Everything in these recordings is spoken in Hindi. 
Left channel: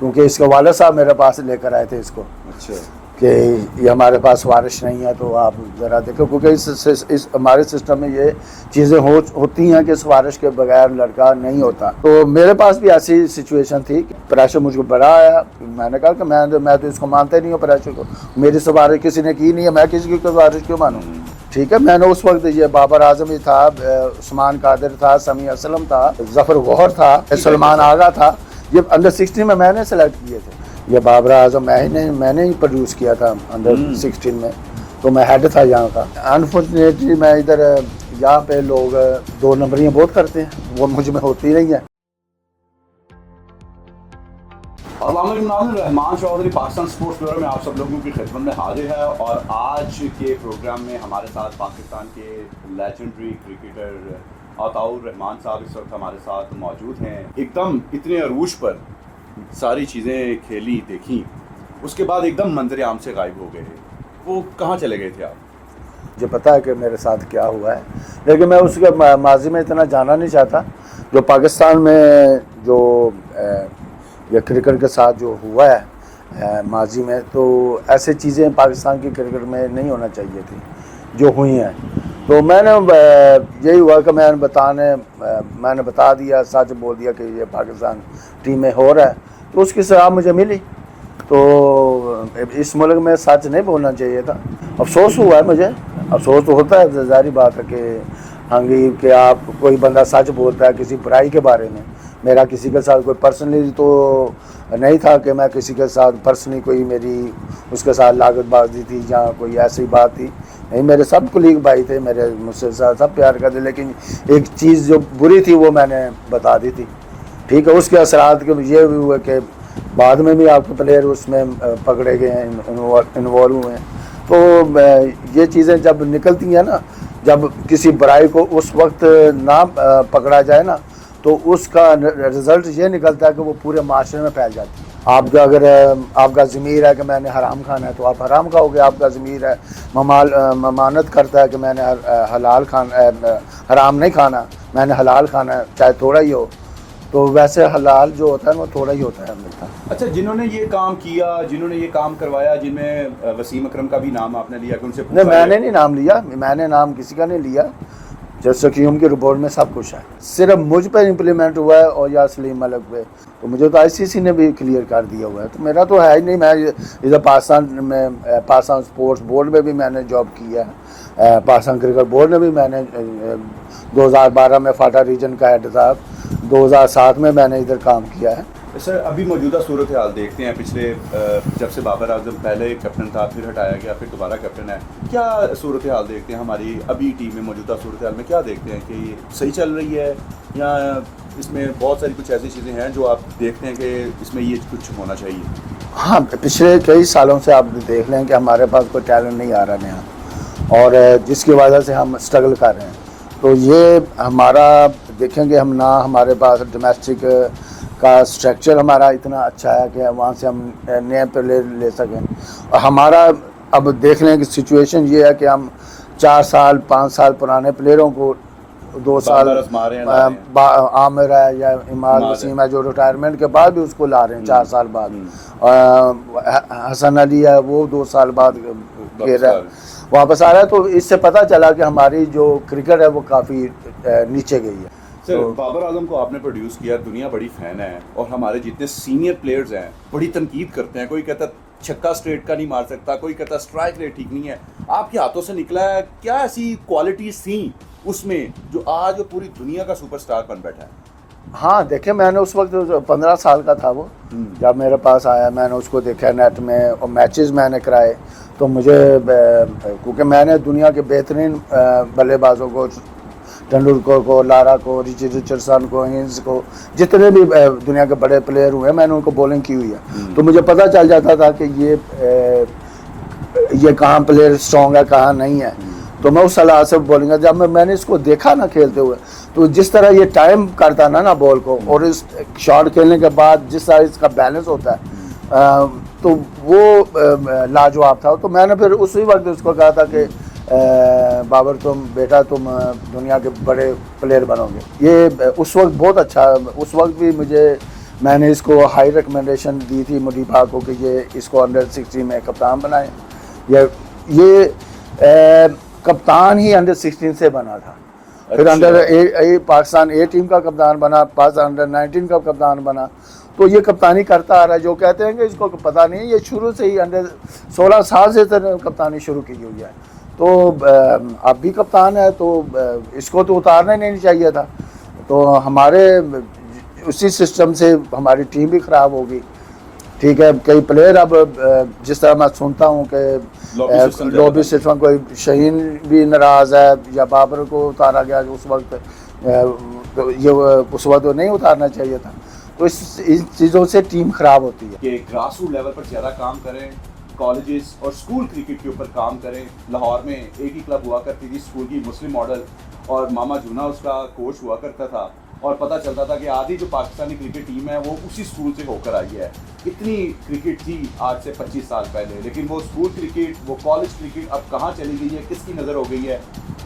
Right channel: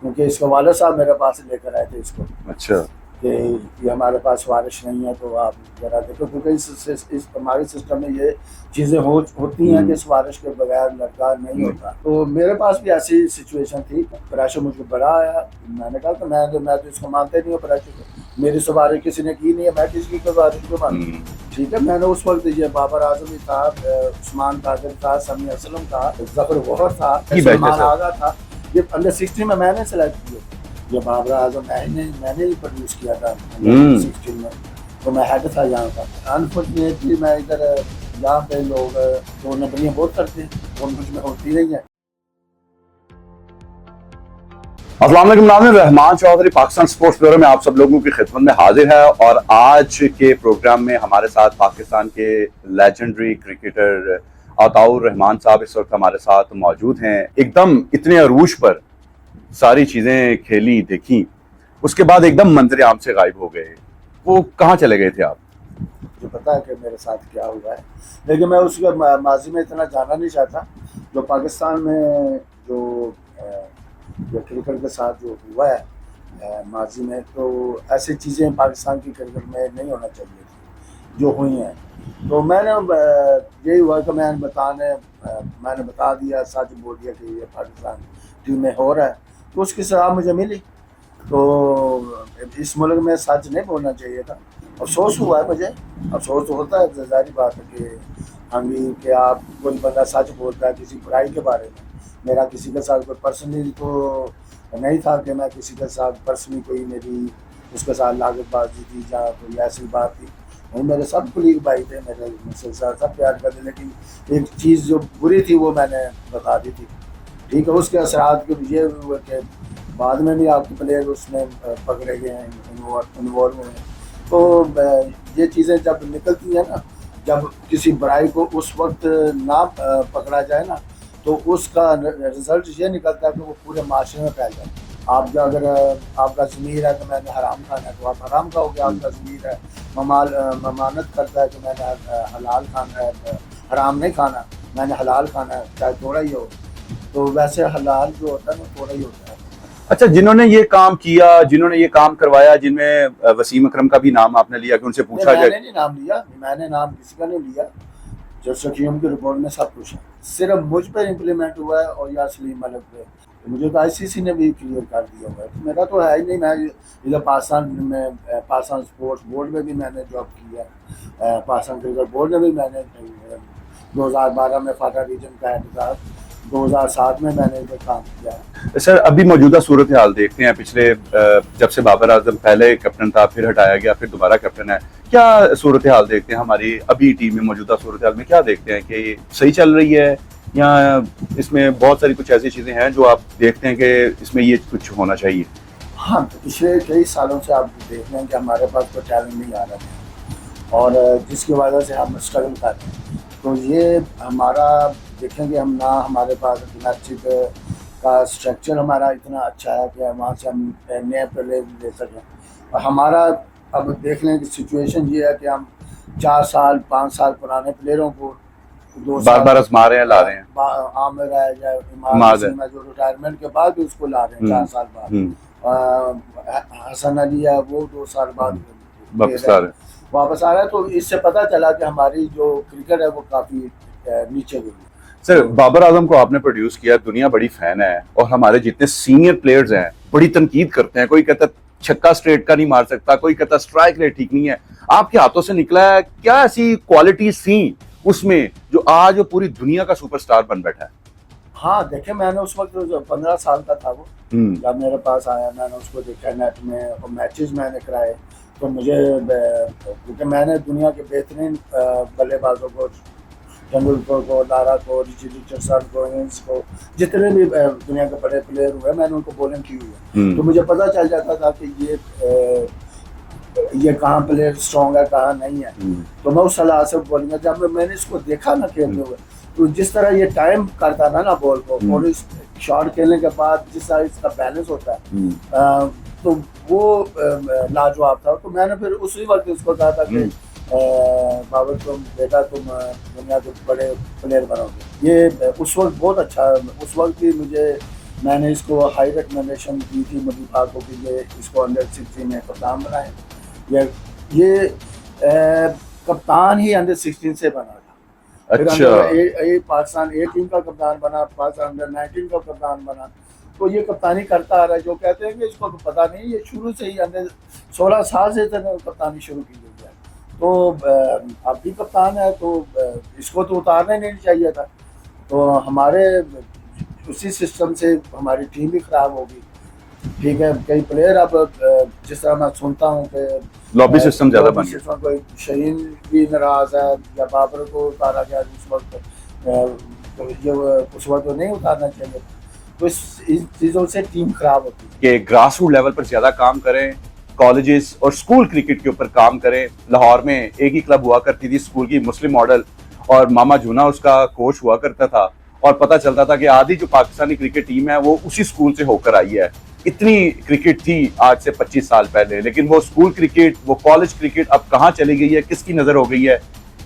क्योंकि इसके वाले साहब मेरे पास लेकर आए थे इसको। अच्छा। कि ये हमारे पास वारिश नहीं है, तो आप ज़रा देखो, क्योंकि इस हमारे सिस्टम में ये चीज़ें होती हैं कि इस वारिश के बगैर लड़का नहीं होता। तो मेरे पास भी ऐसी सिचुएशन थी, प्रेशर मुझको बड़ा आया। मैंने कहा कि मैं तो इसको मानता ही नहीं हूँ प्रेशर को, मेरी सिफारिश किसी ने की नहीं है, मैं किसी की सिफारिश क्यों मानूँ। ठीक है, मैंने उस वक्त ये बाबर आजम ही था, उस्मान कादिर था, समी असलम था, जफर गौहर था, सलमान आगा था, ये अंडर 16 में मैंने सेलेक्ट किए थे। ये बाबर आजम मैंने ही प्रोड्यूस किया था अंडर 16 में, तो मैं हेड था यहाँ का। अनफॉर्चुनेटली मैं इधर यहाँ पे लोग 2 नंबरियाँ बहुत करते हैं, वो मुझ में होती नहीं है। अस्सलाम वालेकुम, नाज़रीन, रहमान चौधरी पाकिस्तान स्पोर्ट्स ब्यूरो में आप सब लोगों की खिदमत में हाजिर है। और आज के प्रोग्राम में हमारे साथ पाकिस्तान के लेजेंडरी क्रिकेटर अताउर रहमान साहब इस वक्त हमारे साथ मौजूद हैं। एकदम इतने अरूज पर सारी चीज़ें खेली देखी, उसके बाद एकदम मंजर आम से गायब हो गए। वो कहाँ चले गए थे आप? मुझे पता है कि मेरे साथ क्या हुआ है, लेकिन मैं उसके माजी में इतना जाना नहीं चाहता। जो पाकिस्तान में जो ये क्रिकेट के साथ जो हुआ है माजी में, तो ऐसे चीज़ें पाकिस्तान की क्रिकेट में नहीं होना चाहिए थी जो हुई हैं। तो मैंने यही हुआ कि मैंने बता दिया, सच बोल दिया कि ये पाकिस्तान टीम में हो रहा है, तो उसकी सलाह मुझे मिली। तो इस मुल्क में सच नहीं बोलना चाहिए था। अफसोस हुआ है मुझे, अफसोस तो होता है, ज़ाहिर बात है कि आप कोई बंदा सच बोलता है किसी बुराई के बारे में। मेरा किसी के साथ कोई पर्सनली तो नहीं था कि मैं किसी के साथ पर्सनली कोई मेरी उसके साथ लागतबाजी थी या कोई ऐसी बात थी, नहीं। मेरे सब कुलीग भाई थे, मेरे मुझसे सब प्यार करते, लेकिन एक चीज़ जो बुरी थी वो मैंने बता दी थी। ठीक है, उसके असरात के ये भी हुए कि बाद में भी आपके प्लेयर उसमें पकड़े गए हैं, इन्वॉल्व हुए हैं। तो ये चीज़ें जब निकलती हैं ना, जब किसी बुराई को उस वक्त ना पकड़ा जाए ना, तो उसका रिज़ल्ट ये निकलता है कि वो पूरे माशरे में फैल जाती है। आपका अगर आपका ज़मीर है कि मैंने हराम खाना है, तो आप हराम खाओगे। आपका ज़मीर है ममानत करता है कि मैंने हलाल खाना, हराम नहीं खाना, मैंने हलाल खाना है, चाहे थोड़ा ही हो। तो वैसे हलाल जो होता है वो थोड़ा ही होता है हमेशा। अच्छा, जिन्होंने ये काम किया, जिन्होंने ये काम करवाया, जिनमें वसीम अकरम का भी नाम आपने लिया कि उनसे पूछा नहीं, मैंने नहीं नाम लिया, मैंने नाम किसी का नहीं लिया। जैसे कि उनकी रिपोर्ट में सब कुछ है, सिर्फ मुझ पर इम्प्लीमेंट हुआ है और या सलीम मलिक पे। तो मुझे तो आईसीसी ने भी क्लियर कर दिया हुआ है, तो मेरा तो है ही नहीं। मैं इधर पाकिस्तान स्पोर्ट्स बोर्ड में भी मैंने जॉब किया है, पाकिस्तान क्रिकेट बोर्ड में भी मैंने 2012 में फाटा रीजन का हेड था, 2007 में मैंने इधर काम किया है। सर, अभी मौजूदा सूरत हाल देखते हैं। पिछले जब से बाबर आजम पहले कैप्टन था, फिर हटाया गया, फिर दोबारा कैप्टन है, क्या सूरत हाल देखते हैं हमारी अभी टीम में? मौजूदा सूरत हाल में क्या देखते हैं कि सही चल रही है, या इसमें बहुत सारी कुछ ऐसी चीज़ें हैं जो आप देखते हैं कि इसमें ये कुछ होना चाहिए? हाँ, पिछले कई सालों से आप देख लें कि हमारे पास कोई टैलेंट नहीं आ रहा नया, और जिसकी वजह से हम स्ट्रगल कर रहे हैं। तो ये हमारा देखेंगे हम ना, हमारे पास डोमेस्टिक का स्ट्रक्चर हमारा इतना अच्छा है कि वहाँ से हम नए प्लेयर ले सकें। और हमारा अब देख लें कि सिचुएशन ये है कि हम 4 साल 5 साल पुराने प्लेयरों को 2 साल आमिर है या इमाद जो रिटायरमेंट के बाद भी उसको ला रहे हैं 4 साल बाद। हसन अली है, वो 2 साल बाद वापस आ रहा है। तो इससे पता चला कि हमारी जो क्रिकेट है वो काफ़ी नीचे गई है। सर, बाबर आजम को आपने प्रोड्यूस किया, दुनिया बड़ी फैन है, और हमारे जितने सीनियर प्लेयर्स हैं बड़ी तनकीद करते हैं। कोई कहता छक्का स्ट्रेट का नहीं मार सकता, कोई कहता स्ट्राइक रेट ठीक नहीं है। आपके हाथों से निकला है, क्या ऐसी क्वालिटीज थी उसमें जो आज पूरी दुनिया का सुपरस्टार बन बैठा है? हाँ, देखिए, मैंने उस वक्त 15 साल का था वो जब मेरे पास आया। मैंने उसको देखा नेट में और मैचेस मैंने कराए। तो मुझे, क्योंकि मैंने दुनिया के बेहतरीन बल्लेबाजों को, तेंदुलकर को, लारा को, रिचर्डसन को, हिंस को, जितने भी दुनिया के बड़े प्लेयर हुए, मैंने उनको बॉलिंग की हुई है। तो मुझे पता चल जाता था कि ये कहाँ प्लेयर स्ट्रॉन्ग है, कहाँ नहीं है। तो मैं उस सलाह से बॉलिंग, जब मैंने इसको देखा ना खेलते हुए, तो जिस तरह ये टाइम करता ना बॉल को, और इस शॉट खेलने के बाद जिस तरह इसका बैलेंस होता है, तो वो लाजवाब था। तो मैंने फिर उसी वक्त उसको कहा था कि बाबर तुम दुनिया के बड़े प्लेयर बनोगे। ये उस वक्त बहुत अच्छा, उस वक्त भी मुझे मैंने इसको हाई रिकमेंडेशन दी थी मुनीफा को कि ये इसको अंडर 16 में कप्तान बनाए। ये कप्तान ही अंडर 16 से बना था। फिर अंडर पाकिस्तान ए टीम का कप्तान बना, पाकिस्तान अंडर 19 का कप्तान बना। तो ये कप्तानी करता आ रहा है। जो कहते हैं कि इसको पता नहीं, ये शुरू से ही अंडर 16 साल से कप्तानी शुरू की हुई है। तो अब भी कप्तान है, तो इसको तो उतारना ही नहीं चाहिए था। तो हमारे उसी सिस्टम से हमारी टीम भी ख़राब होगी। ठीक है, कई प्लेयर अब जिस तरह मैं सुनता हूँ कि लॉबी सिस्टम कोई शहीन भी नाराज़ है या बाबर को उतारा गया उस वक्त, ये उस वक्त नहीं उतारना चाहिए था। तो इन चीज़ों से टीम ख़राब होती है कि ग्रास रूट लेवल पर ज़्यादा काम करें, कॉलेजेस और स्कूल क्रिकेट के ऊपर काम करें। लाहौर में एक ही क्लब हुआ करती थी स्कूल की, मुस्लिम मॉडल, और मामा जूना उसका कोच हुआ करता था। और पता चलता था कि आधी जो पाकिस्तानी क्रिकेट टीम है वो उसी स्कूल से होकर आई है। इतनी क्रिकेट थी आज से 25 साल पहले, लेकिन वो स्कूल क्रिकेट, वो कॉलेज क्रिकेट अब कहाँ चली गई है, किसकी नज़र हो गई है,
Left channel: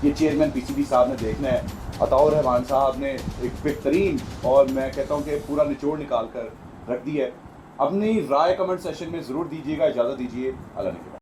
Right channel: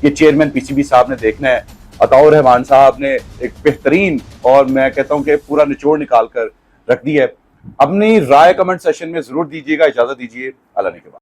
ये चेयरमैन पीसीबी साहब ने देखना है। अताउर रहमान साहब ने एक बेहतरीन, और मैं कहता हूँ कि पूरा निचोड़ निकाल कर रख दी है। अपनी राय कमेंट सेशन में ज़रूर दीजिएगा। इजाज़त दीजिए, अल्लाह ने के बाद।